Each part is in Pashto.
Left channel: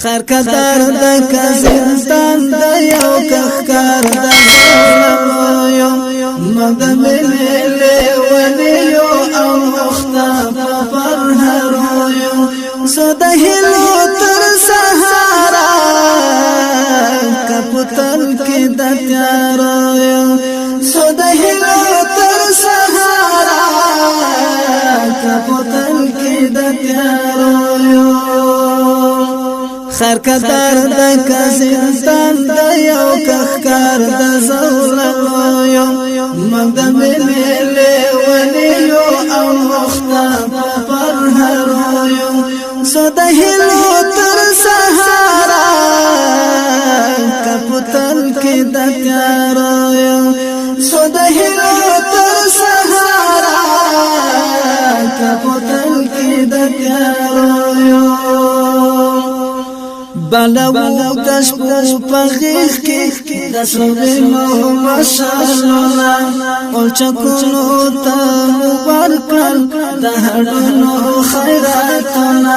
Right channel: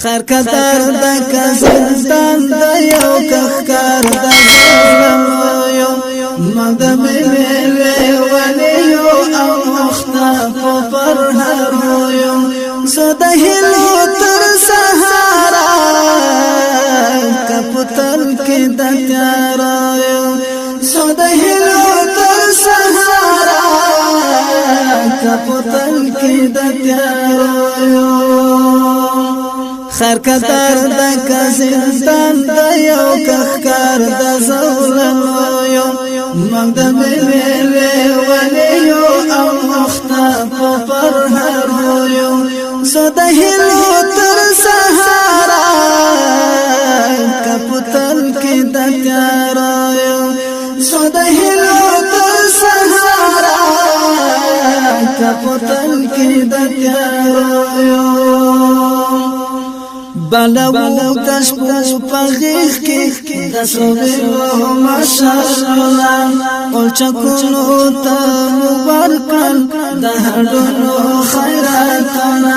خیر قدر د کزندان د یو کخکار د زولمو مګ د مینې ونیو او مخته پر هرو سو د هلو تر سهارا کپتل کې د تیارو سو د هلو تر سهارا کپتل کې د تیارو خیر قدر د کزندان د یو کخکار د زولمو مګ د مینې ونیو او مخته پر هرو سو د هلو تر سهارا کپتل کې د تیارو سو د هلو تر سهارا کپتل کې د تیارو بلو د شپو په غیږ کې د سوینو مشالونه او چکونو ته مبارکل د هډونو خیراتونه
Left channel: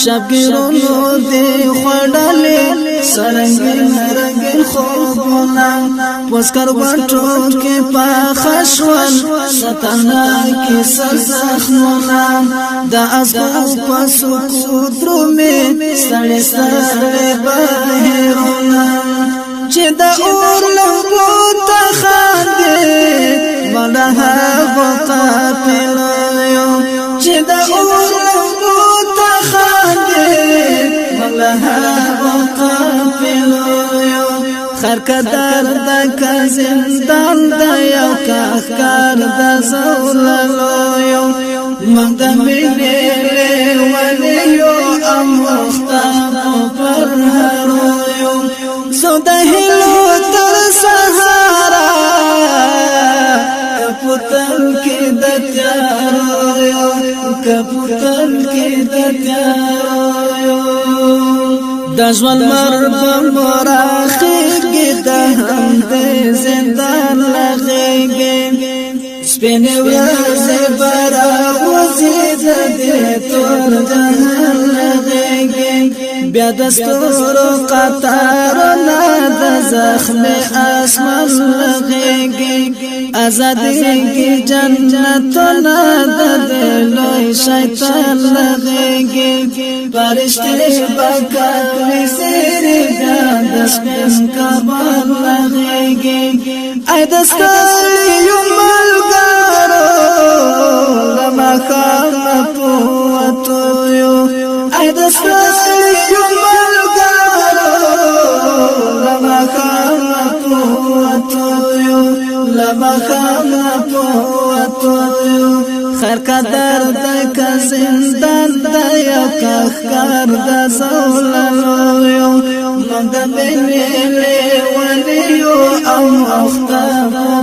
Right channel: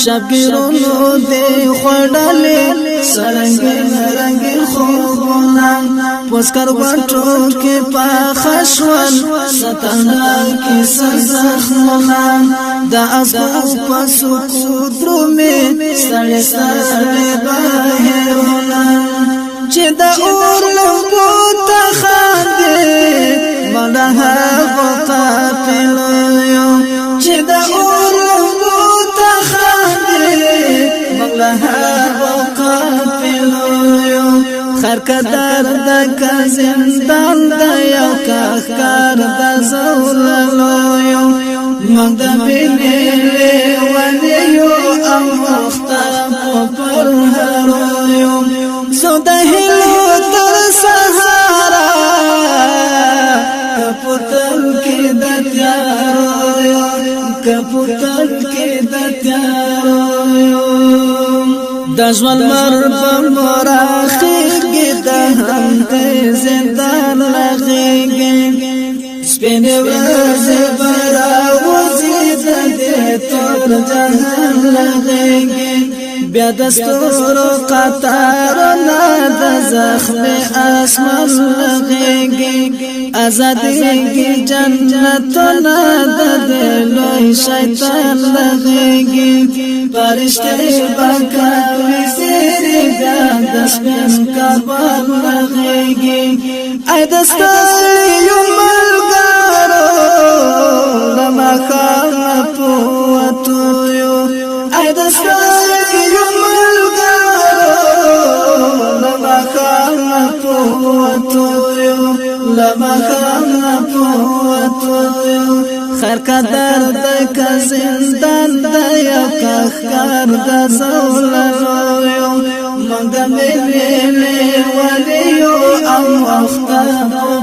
شبګیرونو دې خوړلې سرنګین رنګین خوبونه پوسکر وټو کې پاخه شول ستنه کې سرزخمونه د ازغو په سکو درومې ستړې بهرونا چې د اور لمبو ته خاندې ملها وقافل چې د اور لمبو ته خاندې ملها وقافل خیر قدر د کزندان د یو کخکار د زوللو مګ د مینې ونیو او مخته پر هرو سو د هلو تر سهارا کپتل کې د تیارو کپتل کې د تیارو د ژوند مرب مراخیږي د هم د زندان لغېږي سپینې ورځې برا وزید دې تور جهان لغېږي بیا د ستورو قطارونه د زخم اسمان لغېږي ازادېږي جنتونه د لوی شیطان لغېږي فرشتې به کوي زیرې بیا د سپین کبان لغېږي ای د ستړیو ملګرو لما خام پوتو ای د ستړیو ملګرو لما خام پوتو لما خام پوتو خیر قدر د کزندان د یو کخکار د زوللو مګ د مینې ونیو او مخته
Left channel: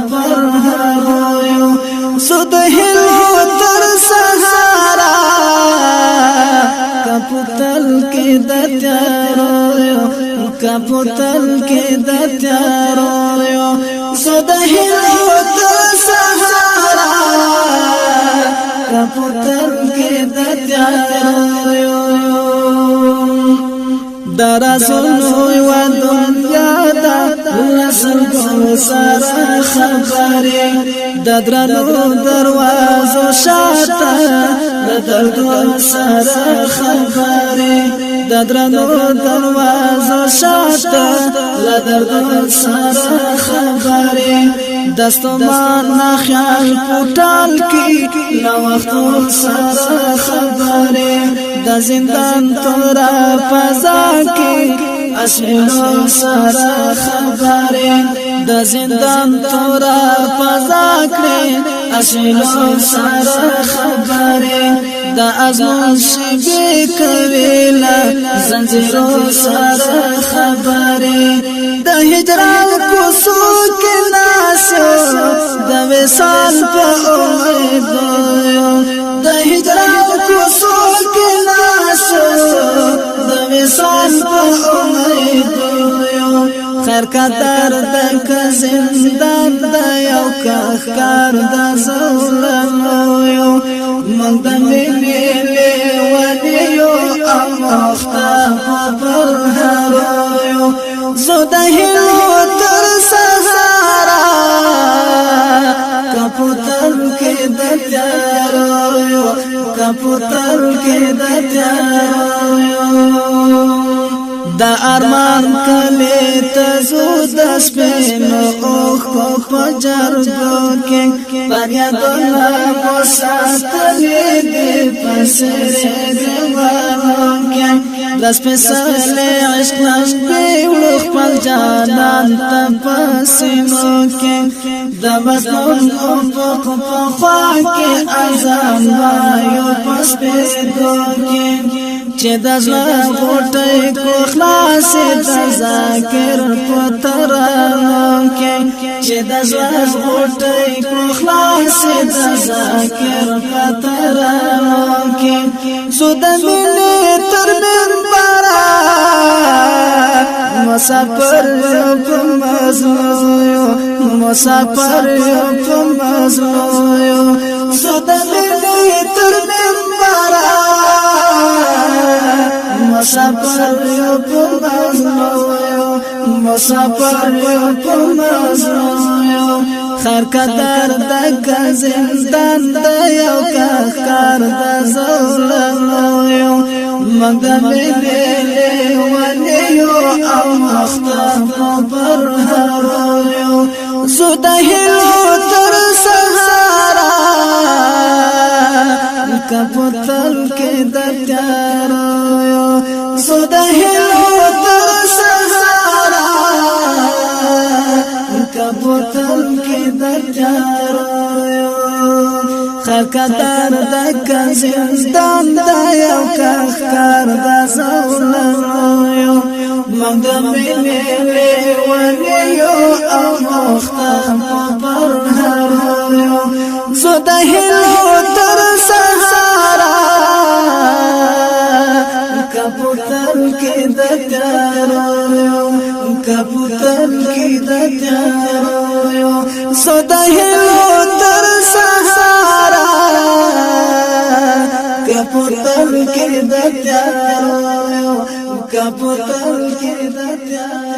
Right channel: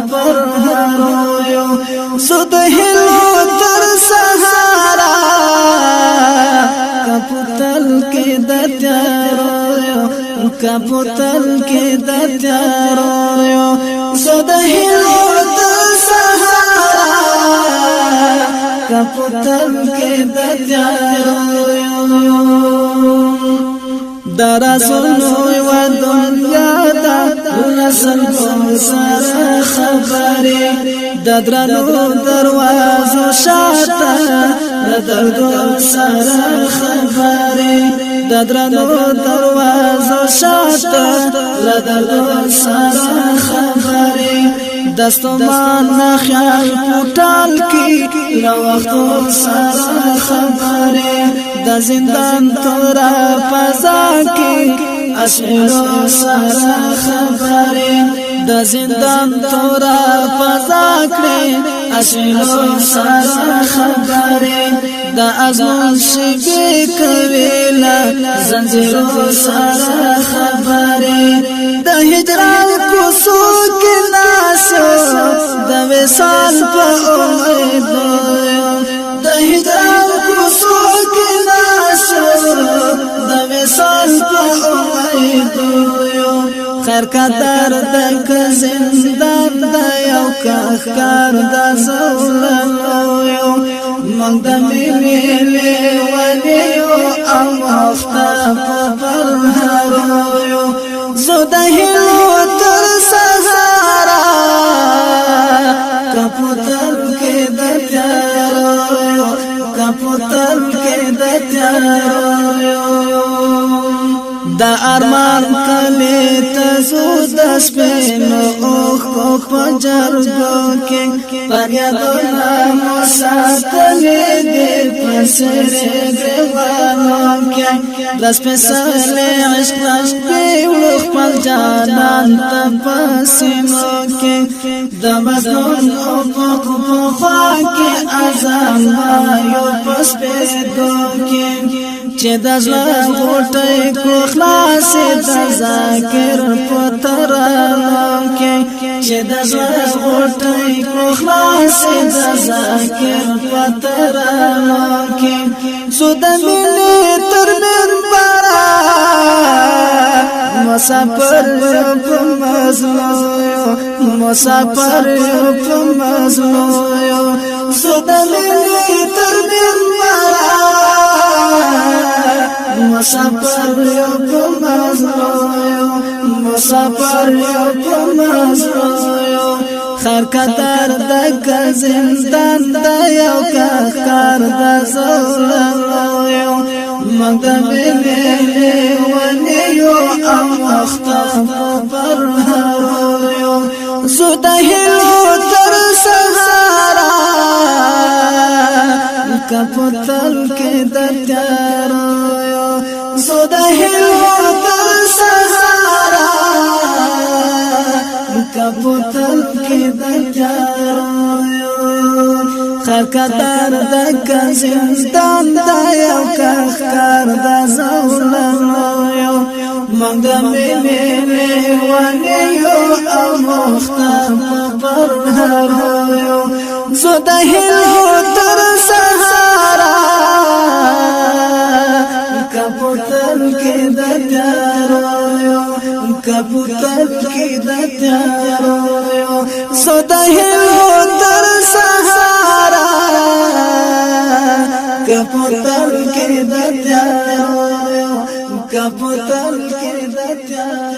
پر هرو سو د هلو تر سهارا کپتل کې د تیارو کپتل کې د تیارو سو د هلو تر سهارا کپتل کې د تیارو درازونو و دنیا دا لسل گو سارا خبری ددرانو دروازو شاتا ددردو سارا خبری ددرانو دروازو شاتا لدردو سارا خبری دستمان خیال پوٹال کی لوختو سارا خبری د زندان تورا فضا کې اسئلو سره خبره د زندان تورا فضا کې اسئلو سره خبره د ازمون شبي کويلا زنجیرو سره خبره د هجران کوسو کې ناسو د وصال په امید د هجران کوسو کې ناسو د وصال په امید خیر قدر د کزندان د یو کخکار د زوللو مګ د مینې ونیو او مخته پر زو د هلو تر سهارا کپوتر کې د تیارو کپوتر کې د تیارو دا ارمان کلی تزو د سپینو اوخ کو پجرګو کې پریادونه مو ساتلې دې پسره ګوانو کې لاس په سره عشق لنګي وړو خپل جانان ته پسینو کې د مظلوم او په خوا کې اذان وایو پس په دو کې چې د زړه غوټۍ کو خلاص د ذکر په ترانو کې چې د زړه غوټۍ کو خلاص د ذکر په ترانو کې زو د مینې تر منبر مسافر په مزلو مسافر په مزلو زو د مینې تر منبر مسافر په مزلو مسافر په مزلو خیر قدر د زندان د یو کار د زولنو مګر ویلې ونیو او مختم پر هرو زو د هلو تر سهارا کپوتل کې د تیارو زو د هلو تر سهارا کپوتل کې د تیارو خیر قدر د زندان د یو کار د زولنو مګ د مینې لیونیو او مختم پر هرو زو د هلو تر سهارا کپوتل کې د تیارو کپوتل کې د تیارو زو د هلو تر سهارا کپوتل کې د تیارو کپوتل کې د تیارو